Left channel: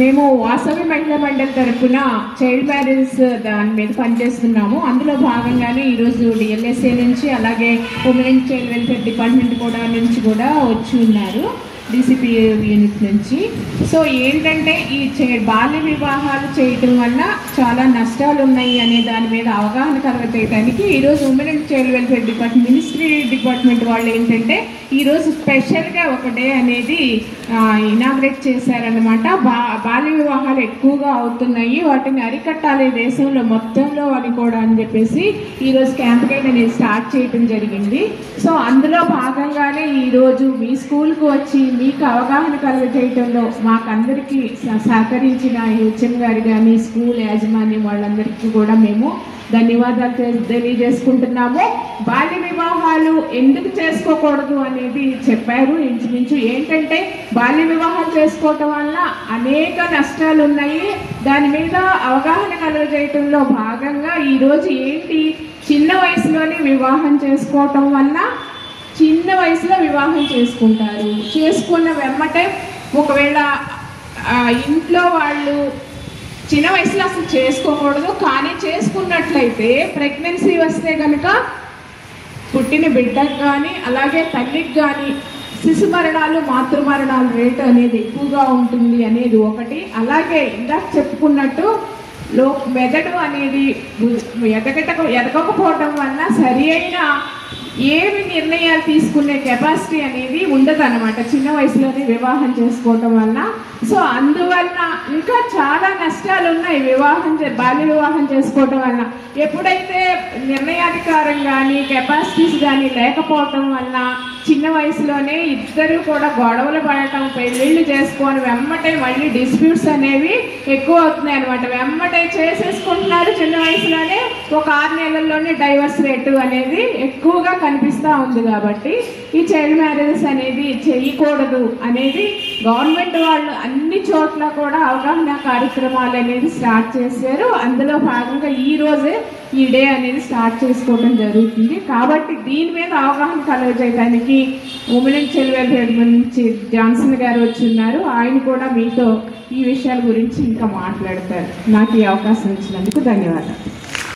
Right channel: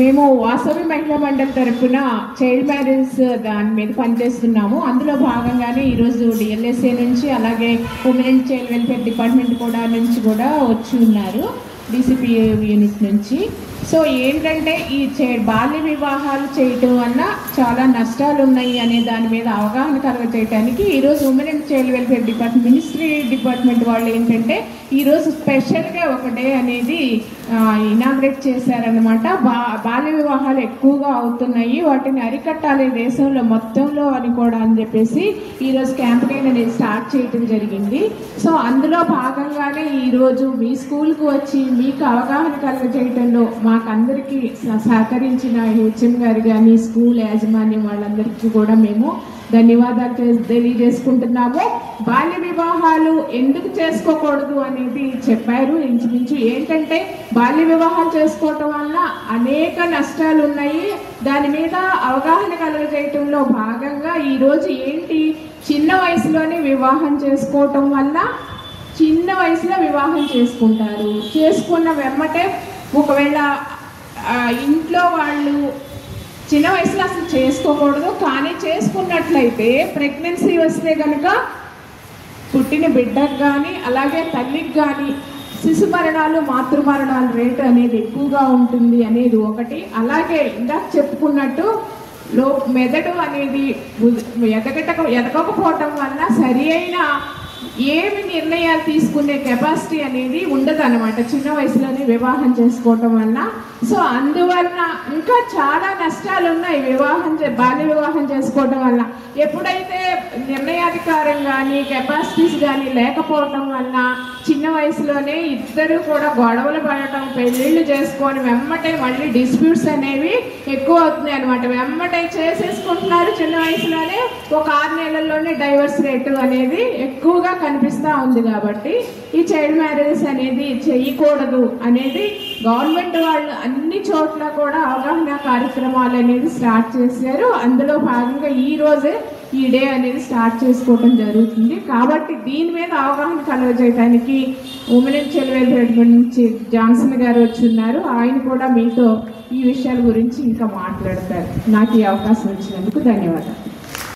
మేము వాసవి మహిళా మండలి తరఫున చైల్డ్ మ్యారేజ్ దాని మీద పనిచేస్తున్నాము. అందులో భాగంగానే ఈరోజు డిఎల్ఎస్ఏ నుంచి అలాగే women and child welfare department కూడా వచ్చి ఉన్నారు, డిసిపి యూనిట్ నుంచి. సో ఏంటంటే ఈ బాల్య వివాహాలు చేయటం వల్ల చాలా నష్టాలు ఉన్నాయి అనే దాని మీద అవగాహన కలగజేయడానికి ఈరోజు women and child welfare department ministry department వాళ్ళు ఏంటంటే ఈరోజు స్పెషల్గా ఒక డే అనేది ఇనాగ్రేట్ చేశారనమాట. బాల్య వివాహాలు ఎక్కువగా అవుతున్నాయి, వాటిని అరికట్టాలి దేశంలో మొత్తంలో అని కూడా అని చెప్పేసి ఈరోజు క్యాంపెయిన్ అనేది స్టార్ట్ చేయడం జరిగింది. సో అందులో భాగంగానే ఈరోజు మీ స్కూల్కు వచ్చి మీకు అవగాహన కలుగజేయటంలో మాకందరికీ సహకరించిన హెచ్ఎం గారు కానీ స్కూల్ యాజమాన్యం వాళ్ళందరికీ కూడా మేము ధన్యవాదాలు తెలియజేసుకుంటున్నాము. బాల్య వివాహాలు ఎందుకు చేసుకోకూడదు అనేది చెప్పారు. ఇంచుమించు ఏంటంటే బాల్య వివాహాలు చేసుకోవటం వల్ల అనేక నష్టాలు ఉన్నాయి. దాని మీద అవగాహన కలుగజేయటంలో భాగంగా ఈరోజు ఏంటి, చిన్న వయసులోనే వివాహం చేసుకోవటం వల్ల చిన్న వయసులో వివాహం చేసుకుంటారు. చేసుకున్న వెంబటే ఒకవేళ ఇంట్లో వాళ్ళు చిన్న వయసులో అసలు చేసుకోకూడదు, కానీ చేసుకున్నట్లయితే ప్రెగ్నెన్సీ వస్తే కనుక పుట్టిన బిడ్డకు కానీ అలాగే తల్లికి కానీ శిశు మరణాలు మాతృమరణాలు రేటు అనేది ఎక్కువగా ఉంటుంది అనేది ఒకటి. అలాగే ఇందాక చెప్పుకున్నట్టు మెదడు అనేది ఎదగకపోవటం వల్ల సరి అయిన ఏమి నిర్ణయాలు తీసుకునే కెపాసిటీ అనేది ఉండదు అనమాట చిన్న వయసులోనే వివాహం చేసుకోవటం వల్ల. సో అందువల్ల ఇంకా చాలా నష్టాలు ఉన్నాయి బాల్య వివాహం చేసుకోవటం వల్ల. ఎప్పుడైతే నిర్ణయాధికారం కానీ కెపాసిటీస్ కానీ లేకపోవటం వల్ల చిన్న వయసులోనే ఇద్దరు కూడా గొడవలు పడటం, పెళ్ళిళ్ళు చేసుకొని వెమ్మటే మళ్ళీ డిస్ప్యూట్స్ అనేవి ఎక్కువ అవుతున్నాయి అనమాట. వెమ్మటే చేసేసుకుంటున్నారు చిన్న వయసులోనే, ఒక 6 నెలల్లోనే డైవర్స్ రేటు అనేది ఎక్కువగా కనిపిస్తూ ఉంది. కాబట్టి ఈ చైల్డ్ మ్యారేజెస్ అనేది చేయకూడదు అనేది గవర్నమెంట్ వాళ్ళు అన్ని చోట్ల కూడా అవగాహన కార్యక్రమాలు అనేది స్టార్ట్ చేశారు. అందులో భాగంగా ఈ రోజే ఈ డే అనేది స్టార్ట్ చేసుకోవడం జరుగుతుంది. కాబట్టి దీని మీద అవగాహన కలగజేయడానికి ఉమెన్ అండ్ చైల్డ్ వెల్ఫేర్ నుంచి జాన్సన్ గారు వచ్చి ఉన్నారు. ఆయన కూడా మీతో ఈ విషయాల గురించి ఇంకా మాట్లాడతారు. నాకు ఈ అవకాశం ఇచ్చినందుకు ధన్యవాదాలు.